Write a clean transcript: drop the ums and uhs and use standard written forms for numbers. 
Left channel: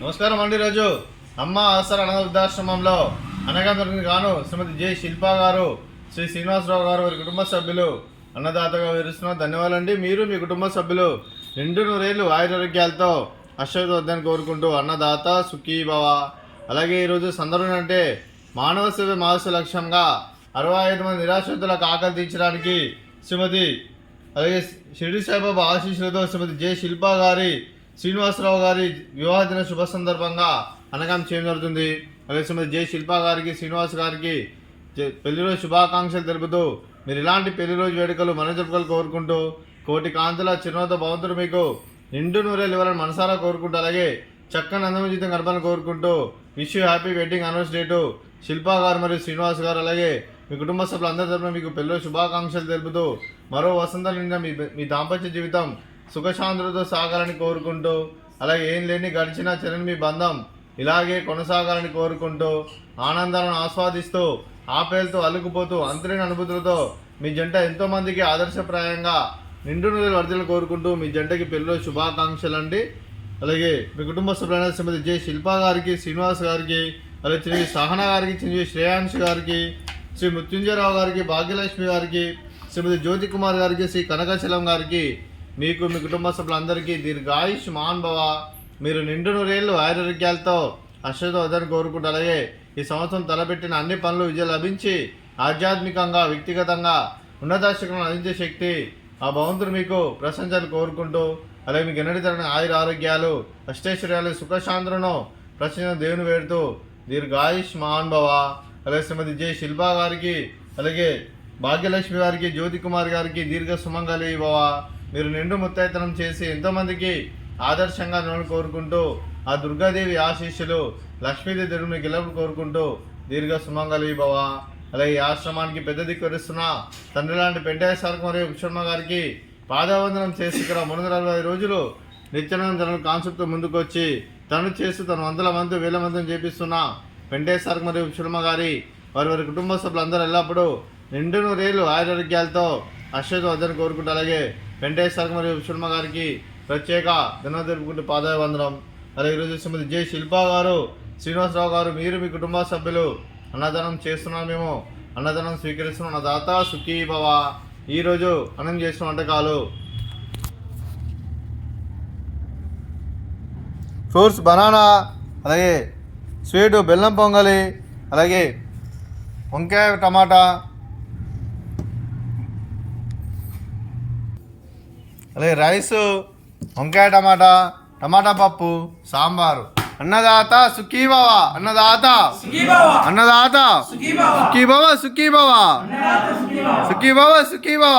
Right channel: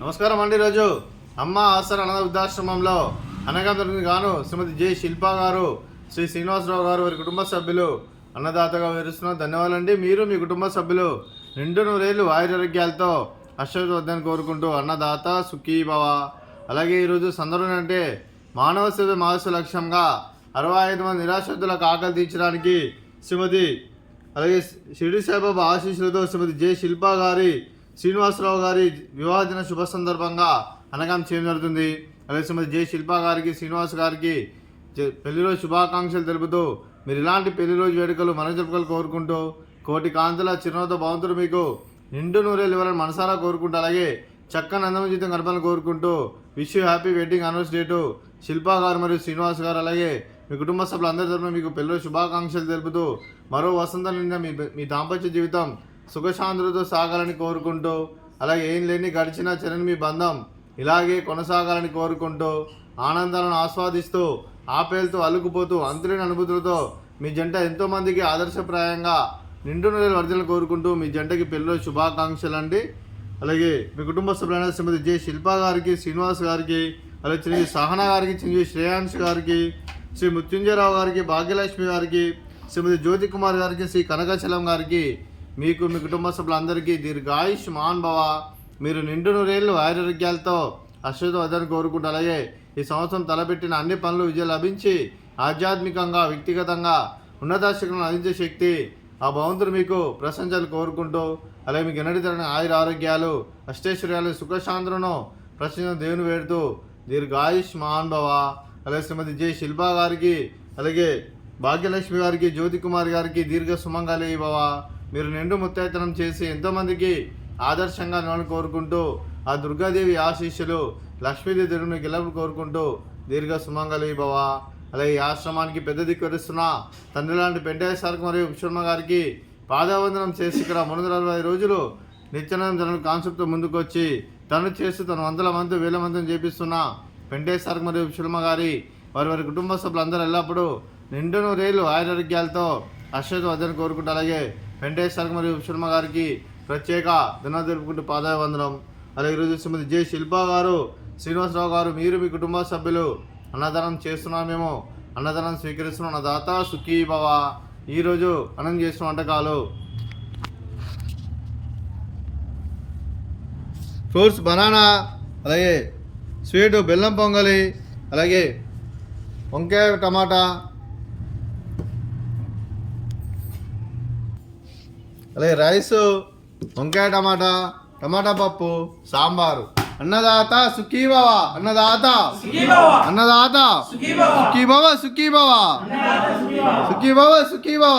నమస్కారం అండి. ఈరోజు అమ్మ ఆసర అనాథ వృద్ధాశ్రమంలో అనగానికి గాను శ్రీమతి జె శిల్పా గారు, శ్రీ శ్రీనివాసరావు గారు వారి కుటుంబ సభ్యులు అన్నదాతగా వివరిస్తున్న ధన్యవాదాలండి. మీరు మీ కుటుంబ సభ్యులు నిండు నూరేళ్లు ఆయురారోగ్యాలతో అశ్వద్ధాన్ని కోరుకుంటూ అన్నదాత సుఖీభవ. అలాగే ఈరోజు సందర్భం అంటే మానవ సేవ మానవ లక్ష్యంగా 65 మంది నిరాశ్రితులకు ఆకలి తీర్చడానికి శ్రీమతి అలాగే షిరిడి సాయిబాబా ఆశీస్సులతో శ్రీమతి జె శిల్పా గారి, శ్రీనివాసరావు గారి వివాహ దిన శుభ సందర్భంగా అనగాం చేయడం జరుగుతుంది. అలాగే శ్రీమతి జె శిల్పా గారికి, శ్రీనివాస్ గారికి పెళ్లి రోజు శుభాకాంక్షలు తెలుపుతూ మీరు ఇలాంటి పెళ్లి రోజు వేడుకలు మన జరుపుకలు కోరుకుంటూ కోటి కాంతుల చిరునవ్వుతో భగవంతుడు మీకు నిండు నూరేళ్ళు ఇవ్వాలని మనసారా కోరుకుంటూ అలాగే చక్కని అందమైన జీవితం గడపాలని కోరుకుంటూ wish you happy wedding anniversary to Shilpa గారు మరియు శ్రీనివాస్ గారు. అలాగే మీ కుటుంబ సభ్యులు అందరి తరఫున మీకు పెళ్లి శుభాకాంక్షలు తెలుపుతూ మరో వసంతం నిండా మీ దాంపత్య జీవితం సుఖశాంతులతో సాగాలని కోరుకుంటూ అలాగే ఏం లేని గడిచిన చెరని మీ బంధం ఇలాగే కొనసాగాలని కోరుకుంటూ ఆనందాలను ఆస్వాదిస్తూ ఆపేలతో అల్లుకుపోతూ అంతులేని అనుభూతులతో మీ జంట ఎంతోమందికి ఆదర్శప్రాయంగా నిండు నూరేళ్ళు వర్ధలు కోరుకుంటూ మీ జంటకి పెళ్లిలో శుభాకాంక్షలు అండి. అలాగే మీ కుటుంబ సభ్యులైన శ్రీమతి జె శిల్పా గారికి, శ్రీనివాస్ గారికి, అలాగే శ్రీ సహనా గారికి, శ్రీ శ్రేయాంశ్ గారికి, శ్రీ మృత్యుంజయరావు గారికి, భాగ్యలక్ష్మి గారికి, శ్రీమతి జ్యోతి కుమార్ గారికి, శ్రీ కనకచలం గారికి, మీకు మీ కుటుంబ సభ్యులందరికీ దీర్ఘాయుష్ మాన్ భవ. మీరు నిండు నూరేళ్ళు ఆరోగ్యాలతో అశ్వద్ధాన్ని కోరుకుంటూ అలాగే ఈ సంవత్సరం తలపెట్టిన అన్ని పనులు విజయం లభించి ఆధ్యాత్మికంగా వ్యక్తిగతంగా ఉన్నతాశక్తులను అందించే శక్తి ఆ భగవంతుడు మీకు ప్రశంసలు కోరుకుంటూ అలాగే మీకు ఎన్నటి తరని ఆయుర ఆరోగ్యాలు అష్టైశ్వర్యాలు సుఖశాంతులను ప్రశ్న దేవుని వేడుతూ దీర్ఘాయుష్ మాన్ భవ. అలాగే శ్రీమతి జె శిల్పా గారికి, అలాగే భాగ్యలక్ష్మి గారికి, జ్యోతి కుమార్ గారికి దీర్ఘ సుమంగళి భవ. మీరు నిండు ముత్తైతనం చేసి ఎంతోమందికి ఆదర్శంగా నన్ను కోరుకుంటూ ఆ దుర్గాదేవి ఆశీస్సులు లక్ష్మీదేవి దేవుడు మీకు ఎల్లప్పుడు కోరుకుంటూ దీర్ఘ సుమంగళి భవ. అలాగే ఈ ఆశ్రమానికి పెద్ద దిక్కు వరిస్తున్న తండ్రి లాంటి పెంటయ్య సార్కు మరియు విశ్వమ్మ గారికి పాదావందనం చేసి ఇక్కడ 360 రోజులు నిత్యానంద కాన్సెప్ట్ ముందుకు వచ్చి తను చేసి తన వందల మంది వేల మందిని చేపిస్తున్న పెంటయ్య సార్కు మరియు విశ్వమ్మ గారి వారి కుటుంబ సభ్యులందరూ ఎల్లప్పుడూ నిండు నూరేళ్ళు ఆరోగ్యాలతో అశ్వద్ధాన్ని కోరుకుంటూ అలాగే వెంకటేష్ సార్ మరియు విశ్వమ్మ గారికి ప్రత్యేక ధన్యవాదాలు తెలుపుకుంటూ పాదాభివందనం. అలాగే ఈరోజు శ్రీమతి జె శిల్పా గారు, శ్రీనివాసరావు గారు, మీరు మీ కుటుంబ సభ్యులు అన్నదానం చేస్తున్నాం, మేము అన్నదానం స్వీకరిస్తున్నాం. అన్నదాత సుఖీ భవ. ఈరోజు అన్నం చేసిన వంటకాలు ఫ్రూట్స్ బనానా, అలాగే స్వీటు బెల్లం పొంగలి, అలాగే వంకాయ టమాటా, అలాగే రైస్, వంకాయ టమాటా, టమాటా పప్పు, సాంబారు. అన్నదాత సుఖీభవ, అన్నదాత అన్నదాత సుఖీభవ, సుఖీభవ, సుఖీభవ, సుఖీభవ.